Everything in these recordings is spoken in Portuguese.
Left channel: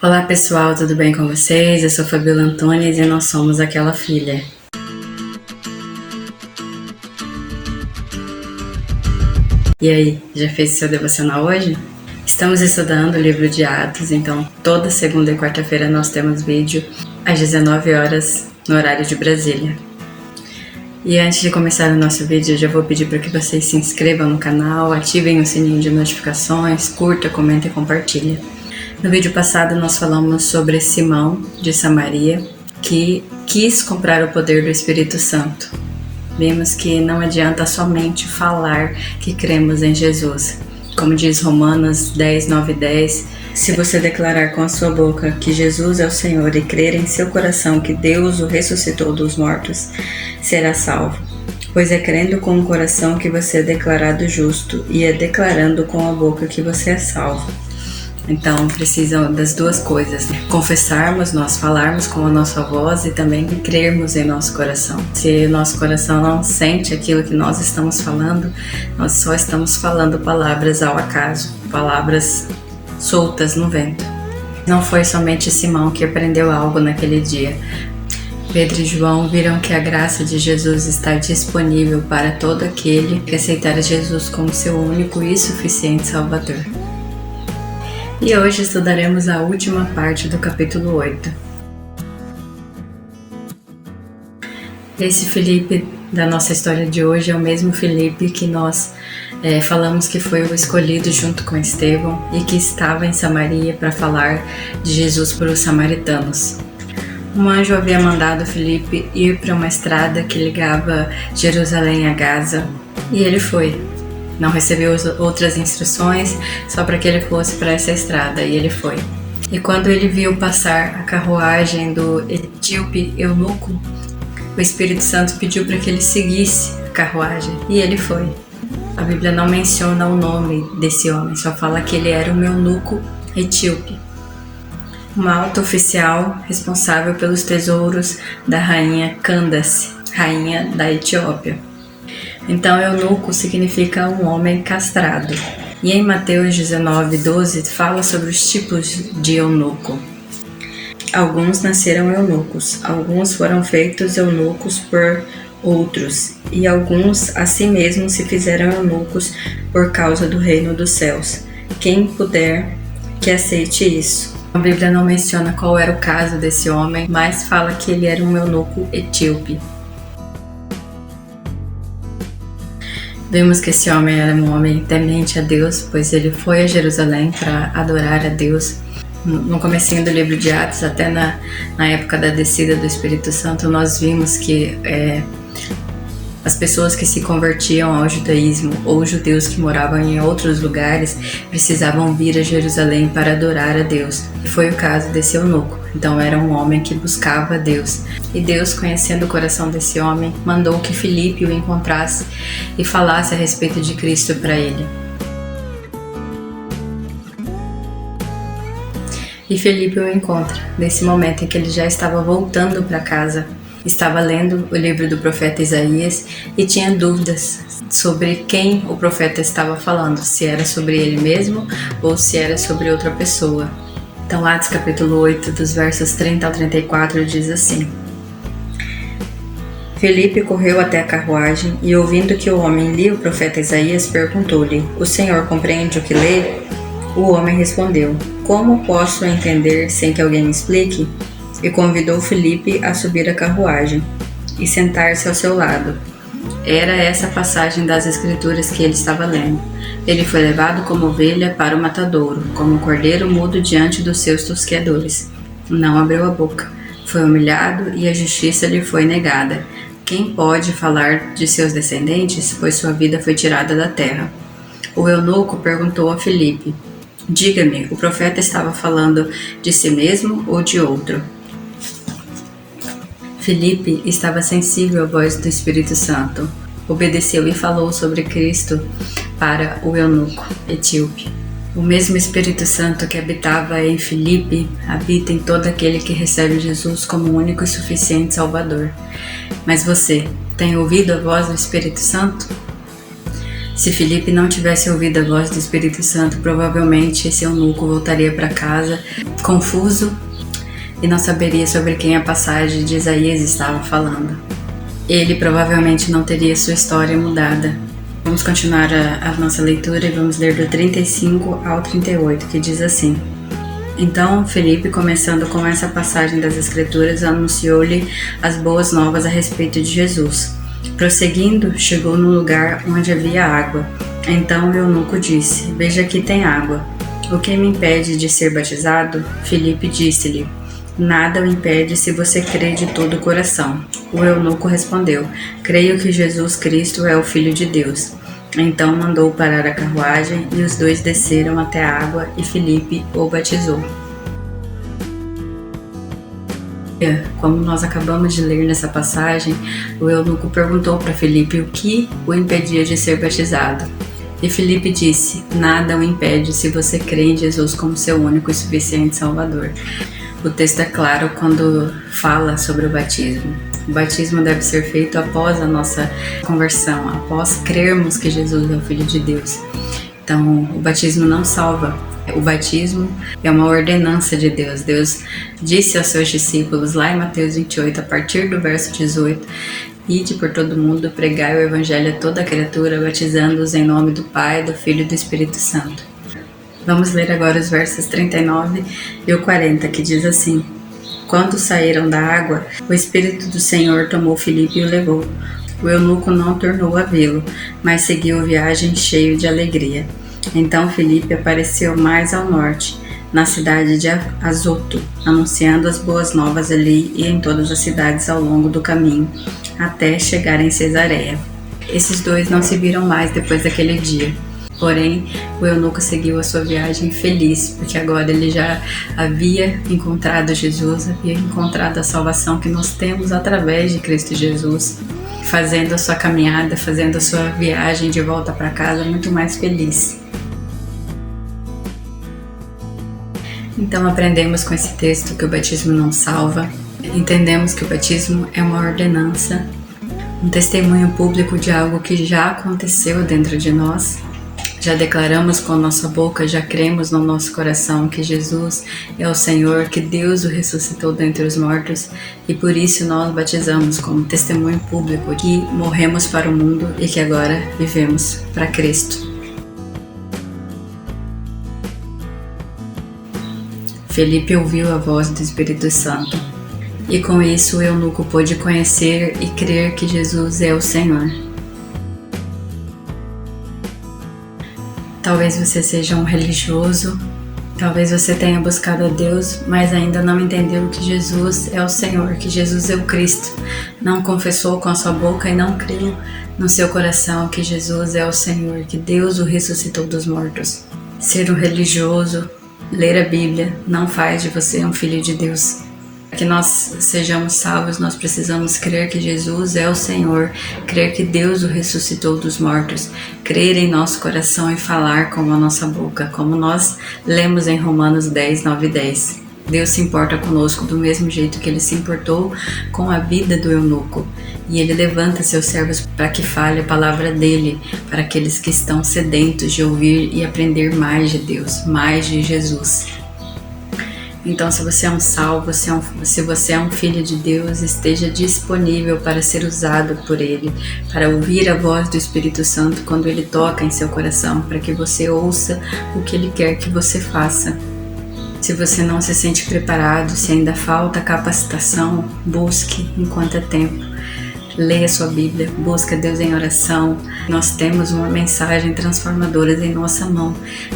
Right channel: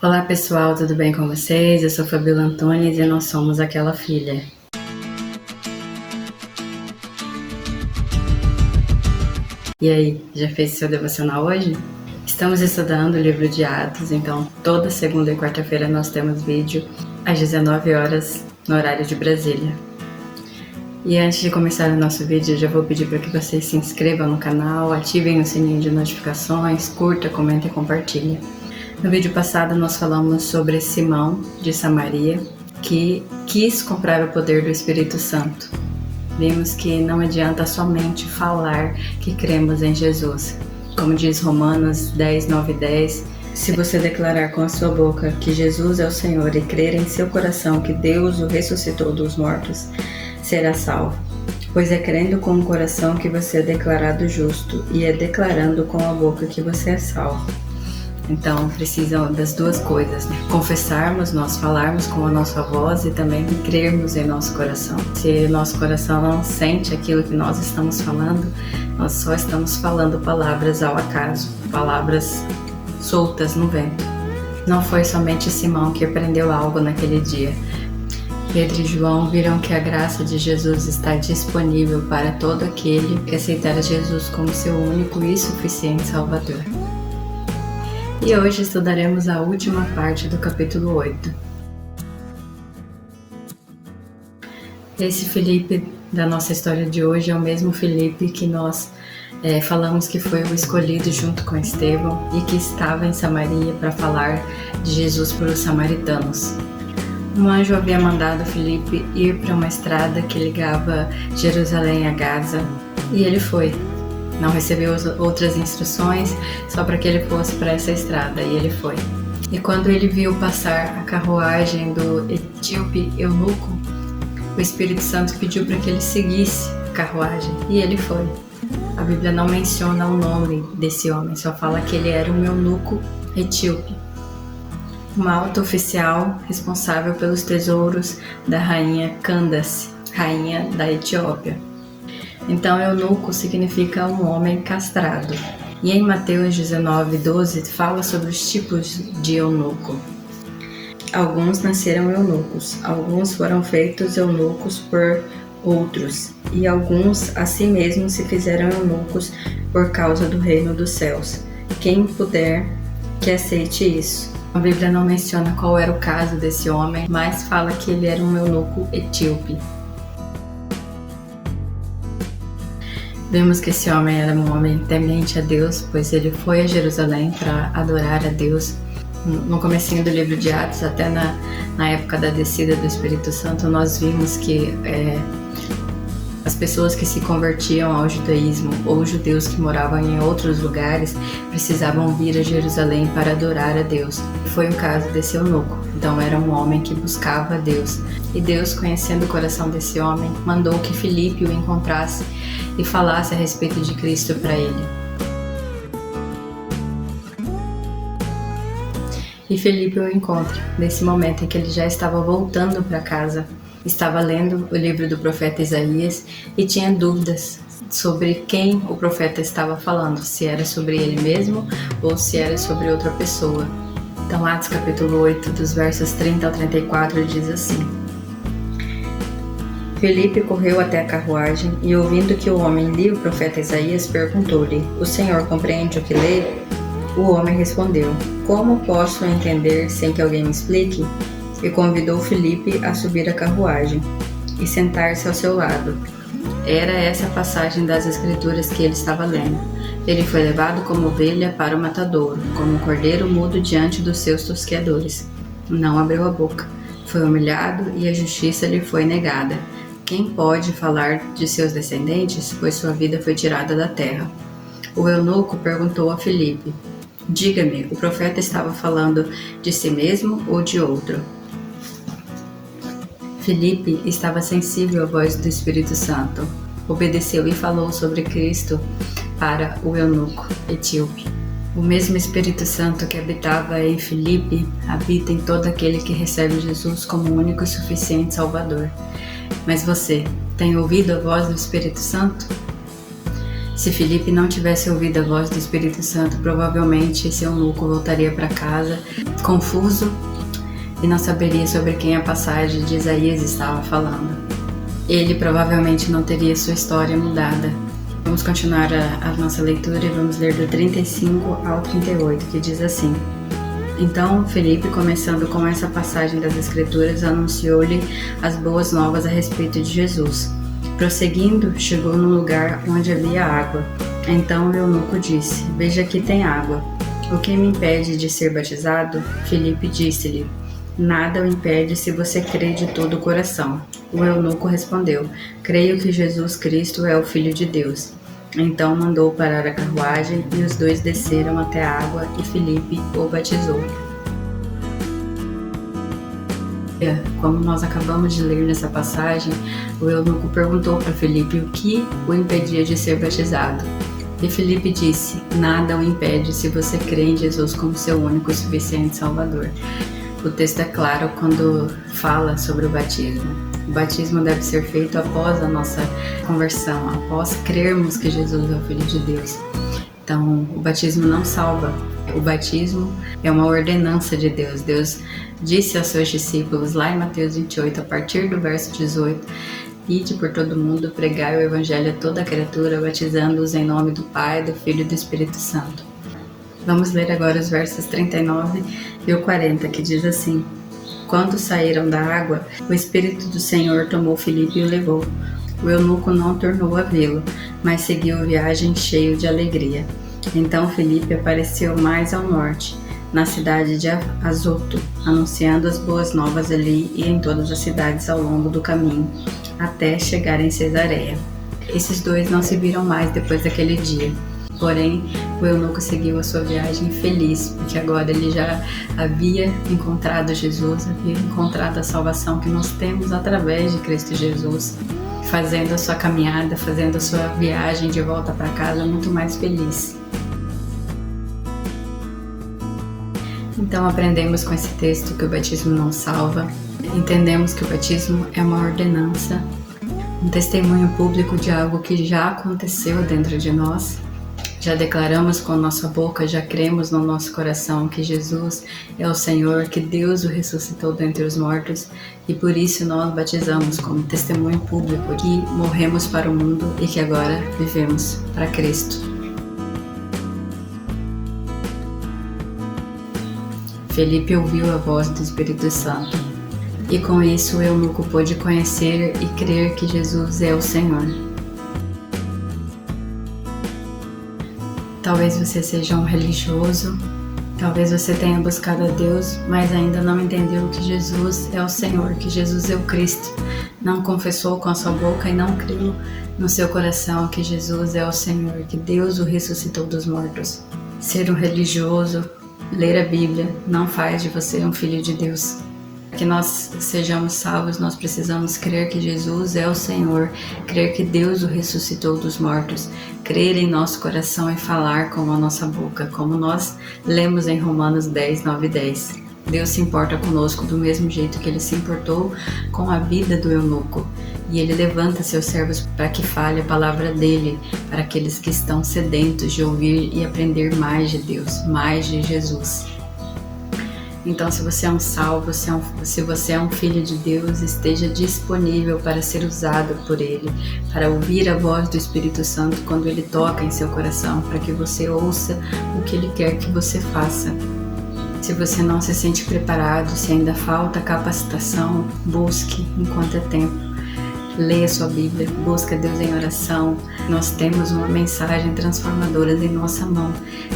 Olá pessoal, tudo bem com vocês? Eu sou Fabiola Antunes e nós somos Aquela Filha. E aí, já fez seu devocional hoje? Estamos estudando o livro de Atos, então toda segunda e quarta-feira nós temos vídeo às 19 horas no horário de Brasília. E antes de começar o nosso vídeo, eu já vou pedir para que vocês se inscrevam no canal, ativem o sininho de notificações, curta, comenta e compartilha. No vídeo passado nós falamos sobre Simão de Samaria, que quis comprar o poder do Espírito Santo. Vimos que não adianta somente falar que cremos em Jesus. Como diz Romanos 10, 9 e 10, se você declarar com a sua boca que Jesus é o Senhor e crer em seu coração que Deus o ressuscitou dos mortos, será salvo. Pois é crendo com o coração que você é declarado justo e é declarando com a boca que você é salvo. Então precisam das duas coisas, né? Confessarmos, nós falarmos com a nossa voz e também crermos em nosso coração. Se o nosso coração não sente aquilo que nós estamos falando, nós só estamos falando palavras ao acaso, palavras soltas no vento. Não foi somente Simão que aprendeu algo naquele dia. Pedro e João viram que a graça de Jesus está disponível para todo aquele que aceitar Jesus como seu único e suficiente Salvador. E hoje estudaremos a última parte do capítulo 8. Esse Filipe da nossa história de hoje é o mesmo Filipe que nós falamos que foi o escolhido junto com Estevão e que estava em Samaria para falar de Jesus para os samaritanos. Um anjo havia mandado Filipe ir para uma estrada que ligava Jerusalém a Gaza e ele foi. Não recebeu outras instruções, só para que ele fosse para essa estrada, e ele foi. E quando ele viu passar a carruagem do etíope eunuco, o Espírito Santo pediu para que ele seguisse a carruagem, e ele foi. A Bíblia não menciona o nome desse homem, só fala que ele era um eunuco etíope, uma alta oficial responsável pelos tesouros da rainha Candace, rainha da Etiópia. Então, eunuco significa um homem castrado. E em Mateus 19, 12, fala sobre os tipos de eunuco. Alguns nasceram eunucos, alguns foram feitos eunucos por outros, e alguns a si mesmos se fizeram eunucos por causa do reino dos céus. Quem puder, que aceite isso. A Bíblia não menciona qual era o caso desse homem, mas fala que ele era um eunuco etíope. Vemos que esse homem era um homem temente a Deus, pois ele foi a Jerusalém para adorar a Deus. No comecinho do livro de Atos, até na época da descida do Espírito Santo, nós vimos que as pessoas que se convertiam ao judaísmo ou judeus que moravam em outros lugares precisavam vir a Jerusalém para adorar a Deus. E foi o caso desse eunuco. Então era um homem que buscava a Deus. E Deus, conhecendo o coração desse homem, mandou que Filipe o encontrasse e falasse a respeito de Cristo para ele. E Filipe o encontra nesse momento em que ele já estava voltando para casa. Estava lendo o livro do profeta Isaías e tinha dúvidas sobre quem o profeta estava falando, se era sobre ele mesmo ou se era sobre outra pessoa. Então, Atos capítulo 8, dos versos 30 ao 34, diz assim: Filipe correu até a carruagem e, ouvindo que o homem lia o profeta Isaías, perguntou-lhe: O senhor compreende o que lê? O homem respondeu: Como posso entender sem que alguém me explique? E convidou Filipe a subir a carruagem e sentar-se ao seu lado. Era essa a passagem das Escrituras que ele estava lendo. Ele foi levado como ovelha para o matadouro, como um cordeiro mudo diante dos seus tosqueadores. Não abriu a boca. Foi humilhado e a justiça lhe foi negada. Quem pode falar de seus descendentes, pois sua vida foi tirada da terra? O eunuco perguntou a Filipe: Diga-me, o profeta estava falando de si mesmo ou de outro? Filipe estava sensível à voz do Espírito Santo. Obedeceu e falou sobre Cristo para o eunuco etíope. O mesmo Espírito Santo que habitava em Filipe habita em todo aquele que recebe Jesus como único e suficiente Salvador. Mas você tem ouvido a voz do Espírito Santo? Se Felipe não tivesse ouvido a voz do Espírito Santo, provavelmente esse eunuco voltaria para casa confuso e não saberia sobre quem a passagem de Isaías estava falando. Ele provavelmente não teria sua história mudada. Vamos continuar a nossa leitura e vamos ler do 35 ao 38, que diz assim: Então Felipe, começando com essa passagem das Escrituras, anunciou-lhe as boas novas a respeito de Jesus. Prosseguindo, chegou no lugar onde havia água. Então o eunuco disse: Veja, aqui tem água. O que me impede de ser batizado? Felipe disse-lhe: Nada o impede se você crê de todo o coração. O eunuco respondeu: Creio que Jesus Cristo é o Filho de Deus. Então mandou parar a carruagem e os dois desceram até a água e Felipe o batizou. Como nós acabamos de ler nessa passagem, o eunuco perguntou para Felipe o que o impedia de ser batizado. E Felipe disse: Nada o impede se você crê em Jesus como seu único e suficiente Salvador. O texto é claro quando fala sobre o batismo. O batismo deve ser feito após a nossa conversão, após crermos que Jesus é o Filho de Deus. Então, o batismo não salva. O batismo é uma ordenança de Deus. Deus disse aos seus discípulos, lá em Mateus 28, a partir do verso 18, Ide por todo mundo, pregai o Evangelho a toda criatura, batizando-os em nome do Pai, do Filho e do Espírito Santo. Vamos ler agora os versos 39 e o 40, que diz assim: Quando saíram da água, o Espírito do Senhor tomou Felipe e o levou. O eunuco não tornou a vê-lo, mas seguiu viagem cheio de alegria. Então Felipe apareceu mais ao norte, na cidade de Azoto, anunciando as boas novas ali e em todas as cidades ao longo do caminho, até chegar em Cesareia. Esses dois não se viram mais depois daquele dia. Porém, o eunuco seguiu a sua viagem feliz, porque agora ele já havia encontrado Jesus, havia encontrado a salvação que nós temos através de Cristo Jesus, fazendo a sua caminhada, fazendo a sua viagem de volta para casa muito mais feliz. Então aprendemos com esse texto que o batismo não salva, entendemos que o batismo é uma ordenança, um testemunho público de algo que já aconteceu dentro de nós. Já declaramos com a nossa boca, já cremos no nosso coração que Jesus é o Senhor, que Deus o ressuscitou dentre os mortos e por isso nós batizamos como testemunho público que morremos para o mundo e que agora vivemos para Cristo. Felipe ouviu a voz do Espírito Santo e com isso o eunuco pôde conhecer e crer que Jesus é o Senhor. Talvez você seja um religioso, talvez você tenha buscado a Deus, mas ainda não entendeu que Jesus é o Senhor, que Jesus é o Cristo. Não confessou com a sua boca e não creu no seu coração que Jesus é o Senhor, que Deus o ressuscitou dos mortos. Ser um religioso, ler a Bíblia, não faz de você um filho de Deus. Para que nós sejamos salvos, nós precisamos crer que Jesus é o Senhor, crer que Deus o ressuscitou dos mortos, crer em nosso coração e falar com a nossa boca, como nós lemos em Romanos 10, 9 e 10. Deus se importa conosco do mesmo jeito que Ele se importou com a vida do eunuco. E Ele levanta seus servos para que fale a palavra dEle, para aqueles que estão sedentos de ouvir e aprender mais de Deus, mais de Jesus. Então, se você é um salvo, se você é um filho de Deus, esteja disponível para ser usado por Ele, para ouvir a voz do Espírito Santo quando Ele toca em seu coração, para que você ouça o que Ele quer que você faça. Se você não se sente preparado, se ainda falta capacitação, busque enquanto é tempo. Leia sua Bíblia, busque a Deus em oração. Nós temos uma mensagem transformadora em nossa mão,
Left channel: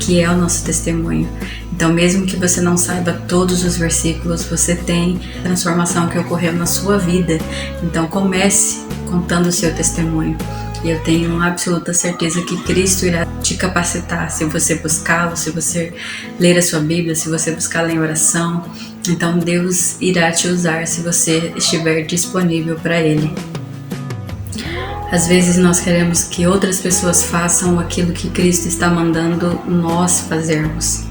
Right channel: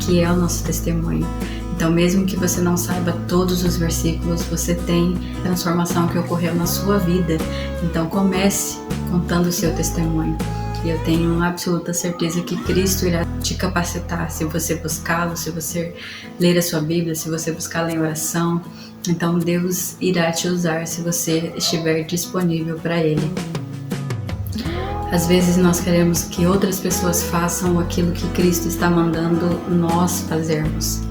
que é o nosso testemunho. Então, mesmo que você não saiba todos os versículos, você tem transformação que ocorreu na sua vida. Então, comece contando o seu testemunho. E eu tenho uma absoluta certeza que Cristo irá te capacitar se você buscá-lo, se você ler a sua Bíblia, se você buscá-la em oração. Então, Deus irá te usar se você estiver disponível para Ele. Às vezes nós queremos que outras pessoas façam aquilo que Cristo está mandando nós fazermos.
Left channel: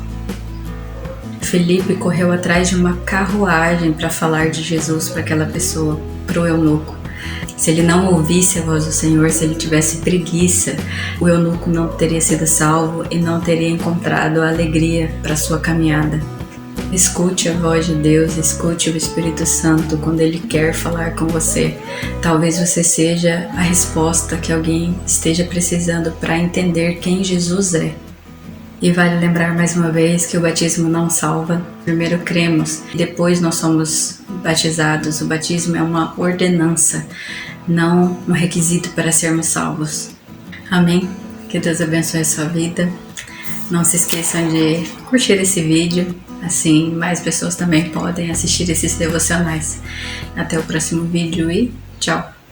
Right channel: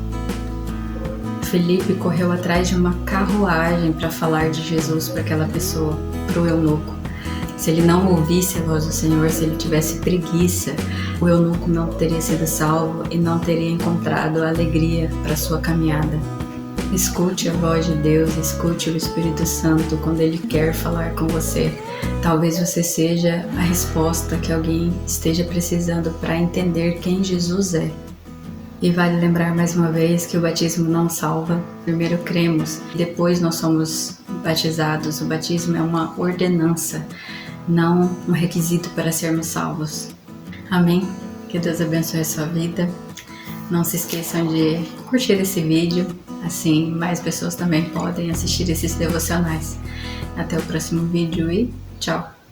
Felipe correu atrás de uma carruagem para falar de Jesus para aquela pessoa, para o eunuco. Se ele não ouvisse a voz do Senhor, se ele tivesse preguiça, o eunuco não teria sido salvo e não teria encontrado a alegria para sua caminhada. Escute a voz de Deus, escute o Espírito Santo quando Ele quer falar com você. Talvez você seja a resposta que alguém esteja precisando para entender quem Jesus é. E vale lembrar mais uma vez que o batismo não salva. Primeiro cremos, depois nós somos batizados. O batismo é uma ordenança, não um requisito para sermos salvos. Amém? Que Deus abençoe a sua vida. Não se esqueçam de curtir esse vídeo, assim mais pessoas também podem assistir esses devocionais. Até o próximo vídeo e tchau!